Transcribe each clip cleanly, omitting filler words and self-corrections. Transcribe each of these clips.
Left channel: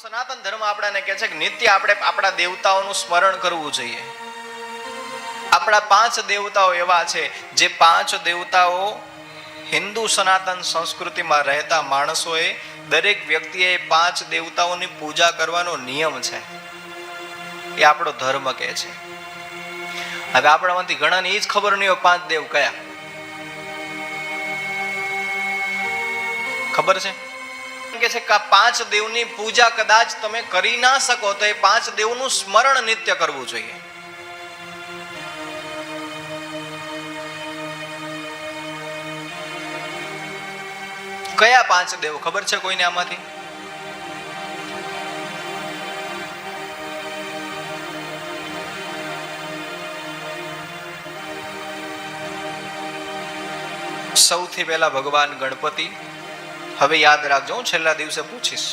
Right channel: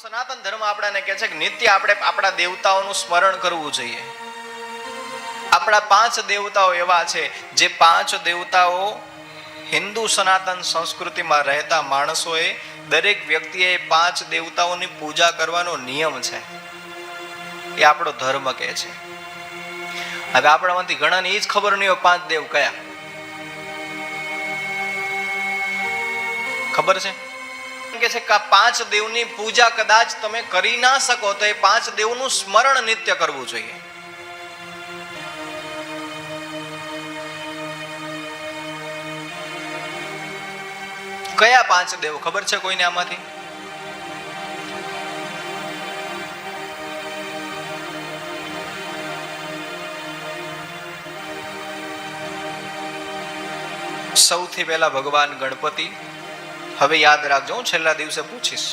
સનાતન ધર્મ આપણાને કહે છે કે નિત્ય આપણે આપણા દેવતાઓનું સ્મરણ કરવું જોઈએ. આપણા 5 દેવતાઓ એવા છે જે 5 દેવતાઓ હિન્દુ સનાતન સંસ્કૃતિમાં રહેતા માણસોએ દરેક વ્યક્તિએ 5 દેવતાઓની પૂજા કરવાનો નિયમ છે. એ આપણો ધર્મ કહે છે. હવે આપણામાંથી ઘણાને એ જ ખબર નહીં હોય 5 દેવ કયા. ખબર છે કે 5 દેવની પૂજા કદાચ તમે કરી ના શકો તો એ 5 દેવનું સ્મરણ નિત્ય કરવું જોઈએ. કયા 5 દેવ ખબર છે કોઈને આમાંથી? સૌથી પહેલા ભગવાન ગણપતિ. હવે યાદ રાખજો, છેલ્લા દિવસે પૂછીશ.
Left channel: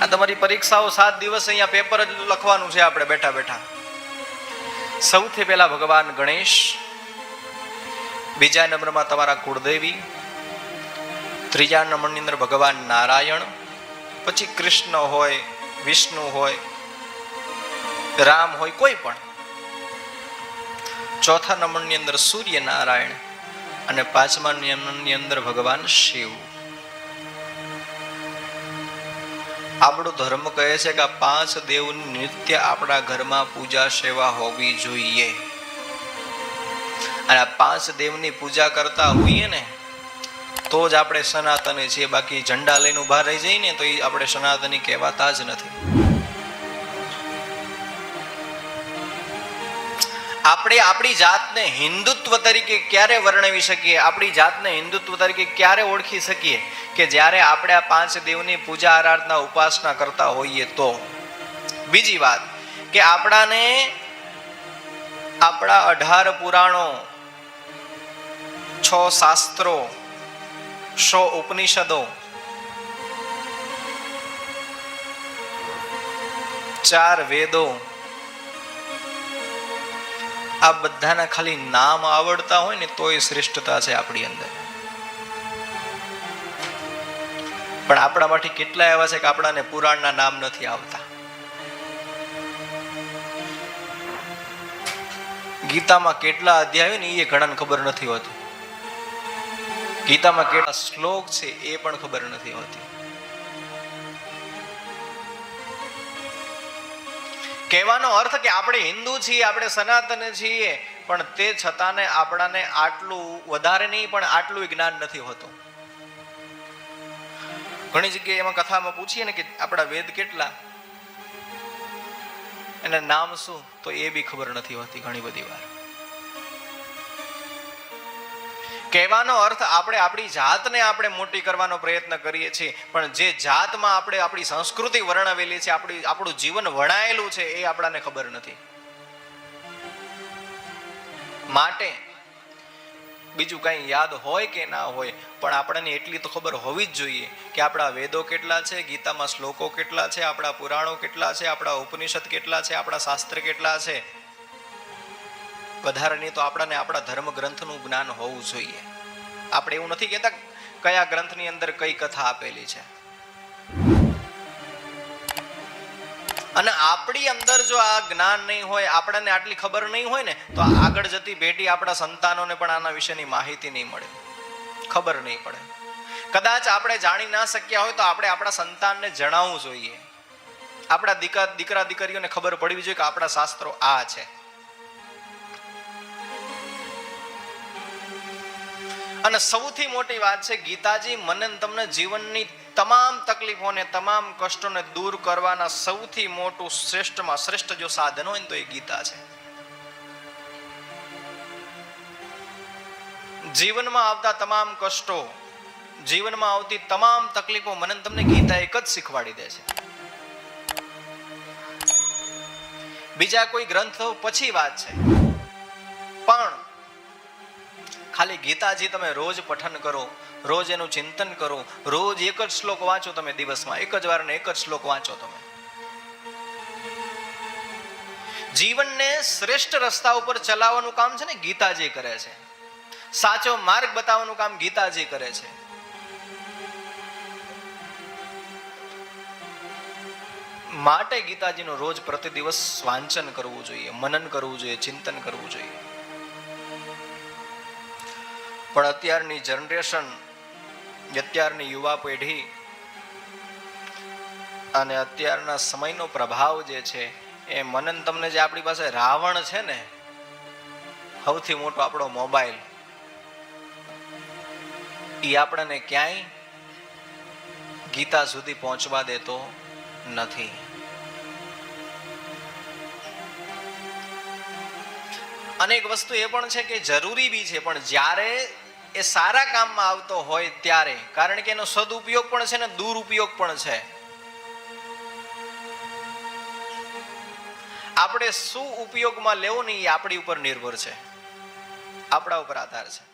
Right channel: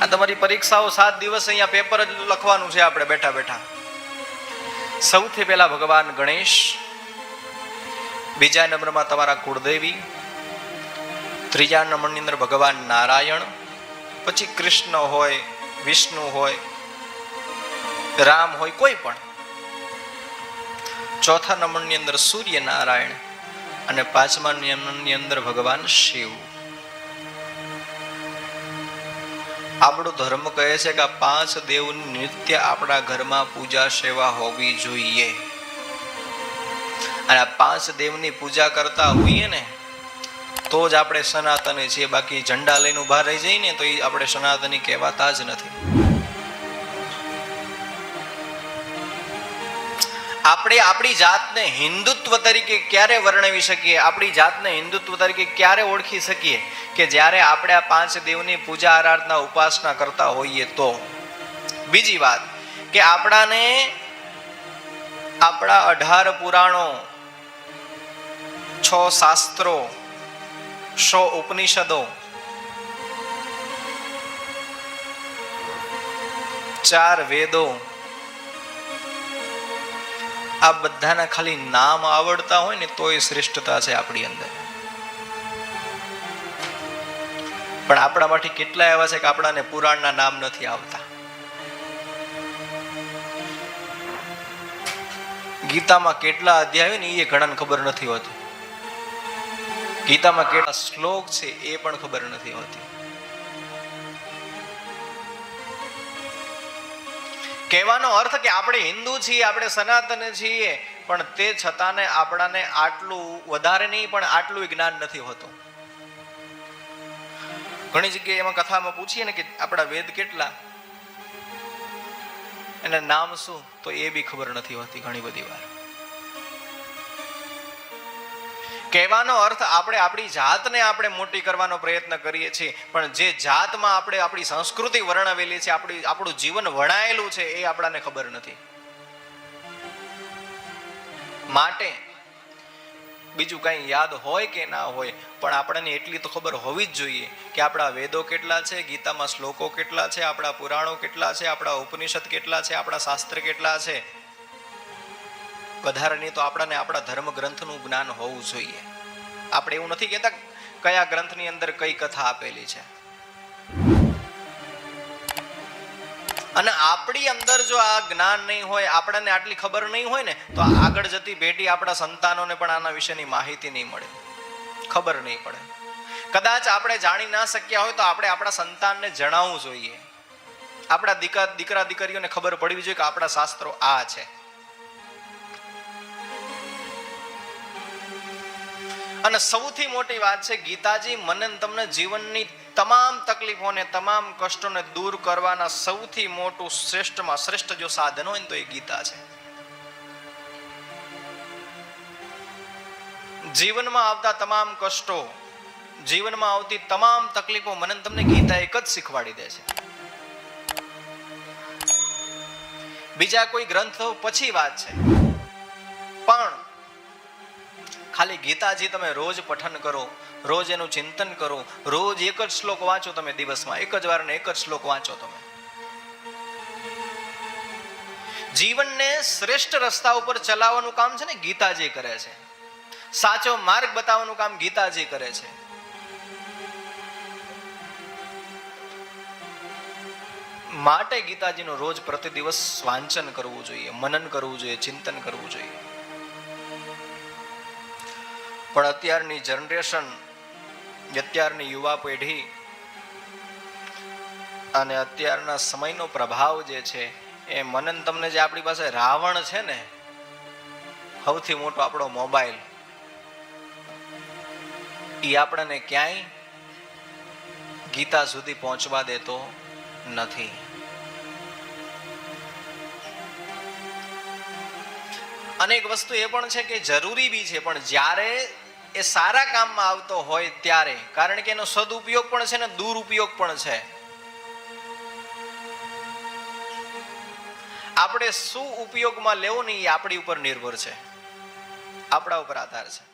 આ તમારી પરીક્ષાઓ 7 દિવસ અહીંયા પેપર જ લખવાનું છે આપણે બેઠા બેઠા. સૌથી પહેલા ભગવાન ગણેશ, બીજા નંબરમાં તમારા કુળદેવી, ત્રીજા નંબરની અંદર ભગવાન નારાયણ, પછી કૃષ્ણ હોય, વિષ્ણુ હોય, રામ હોય, કોઈ પણ. ચોથા નંબરની અંદર સૂર્યનારાયણ અને 5મા નંબરની અંદર ભગવાન શિવ. આપણો ધર્મ કહે છે કે આ 5 દેવની નિત્ય આપણા ઘરમાં પૂજા સેવા હોવી જોઈએ. અને આ 5 દેવની પૂજા કરતા હોઈએ ને તો જ આપણે સનાતની છીએ. બાકી ઝંડા લઈને ઉભા રહી જઈએ ને તો એ આપણે સનાતની કહેવાતા જ નથી. આપણે આપણી જાતને હિન્દુત્વ તરીકે ક્યારે વર્ણવી શકીએ, આપણી જાતને હિન્દુત્વ તરીકે ક્યારે ઓળખી શકીએ કે જ્યારે આપણે આ 5 દેવની પૂજા આરાધના ઉપાસના કરતા હોઈએ તો. બીજી વાત કે આપણાને આપણા 18 પુરાણો, 6 શાસ્ત્રો, 100 ઉપનિષદો, 4 વેદો, આ બધાના ખાલી નામ આવડતા હોય ને તો એ શ્રેષ્ઠતા છે આપણી અંદર. પણ આપણા માટે કેટલા એવા છે કે આપણાને પુરાણના નામ નથી આવતા. ગીતામાં કેટલા અધ્યાય ને એ ઘણાને ખબર નથી હોતી. ગીતામાં કેટલા શ્લોક છે એ પણ ખબર નથી હોતી. કહેવાનો અર્થ કે આપણે હિન્દુ છીએ, આપણે સનાતન છીએ, પણ તે છતાં આપણાને આટલું વધારે નહીં પણ આટલું જ્ઞાન નથી હોતું. ઘણી જગ્યાએ એમાં કથામાં પૂછીએ ને કે આપણા વેદ કેટલા, એના નામ શું, તો એ બી ખબર નથી હોતી ઘણી બધી વાર. કહેવાનો અર્થ આપણે આપણી જાતને આપણે મોટી કરવાનો પ્રયત્ન કરીએ છીએ, પણ જે જાતમાં આપણે આપણી સંસ્કૃતિ વર્ણવેલી છે, આપણું જીવન વણાયેલું છે એ આપણને ખબર નથી. માટે બીજું કઈ યાદ હોય કે ના હોય પણ આપણને એટલી તો ખબર હોવી જ જોઈએ કે આપણા વેદો કેટલા છે, ગીતામાં શ્લોકો કેટલા છે, આપણા પુરાણો કેટલા છે, આપણા ઉપનિષદ કેટલા છે, આપણા શાસ્ત્ર કેટલા છે. વધારે નહીં તો આપણને આપણા ધર્મ ગ્રંથનું જ્ઞાન હોવું જોઈએ. આપણે એવું નથી કહેતા કયા ગ્રંથની અંદર કઈ કથા આપેલી છે. અને આપણી અંદર જો આ જ્ઞાન નહીં હોય, આપણને આટલી ખબર નહીં હોય ને તો આગળ જતી પેઢી, આપણા સંતાનોને પણ આના વિશેની માહિતી નહીં મળે, ખબર નહીં પડે. કદાચ આપણે જાણી ના શક્યા હોય તો આપણે આપણા સંતાનને જણાવવું જોઈએ. આપણા દીકરા દીકરીઓને ખબર પડવી જોઈએ કે આપણા શાસ્ત્રો આ છે. અને સૌથી મોટી વાત છે ગીતાજી મને તમને જીવનની તમામ તકલીફોને, તમામ કષ્ટોને દૂર કરવાના સૌથી મોટું શ્રેષ્ઠમાં શ્રેષ્ઠ જો સાધન હોય ને તો એ ગીતા છે. જીવનમાં આવતા તમામ કષ્ટો, જીવનમાં આવતી તમામ તકલીફો મને તમને ગીતા એક જ શીખવાડી દે છે. બીજા કોઈ ગ્રંથો પછી વાત છે, પણ ખાલી ગીતાજી તમે રોજ પઠન કરો, રોજ એનું ચિંતન કરો, રોજ એક જ શ્લોક વાંચો તમે દિવસમાં, એક જ વાર ને એક જ શ્લોક વાંચો તમે. જીવનને શ્રેષ્ઠ રસ્તા ઉપર ચલાવવાનું કામ છે ને ગીતાજી કરે છે. સાચો માર્ગ બતાવવાનું કામ ગીતાજી કરે છે. માટે ગીતાજીનું રોજ પ્રતિ દિવસ વાંચન કરવું જોઈએ, મનન કરવું જોઈએ, ચિંતન કરવું જોઈએ. પણ અત્યારની જનરેશન, અત્યારની યુવા પેઢી અને અત્યારના સમયનો પ્રભાવ જે છે એ મનન, તમને જે આપણી પાસે રાવણ છે ને, સૌથી મોટો આપણો મોબાઈલ, એ આપણને ક્યાંય ગીતા સુધી પહોંચવા દેતો નથી. અનેક વસ્તુ એ પણ છે કે જરૂરી બી છે, પણ જ્યારે એ સારા કામમાં આવતો હોય ત્યારે, કારણ કે એનો સદુપયોગ પણ છે ને દુરુપયોગ પણ છે. આપણે શું ઉપયોગમાં લેવો ને એ આપણી ઉપર નિર્ભર છે, આપણા ઉપર આધાર છે.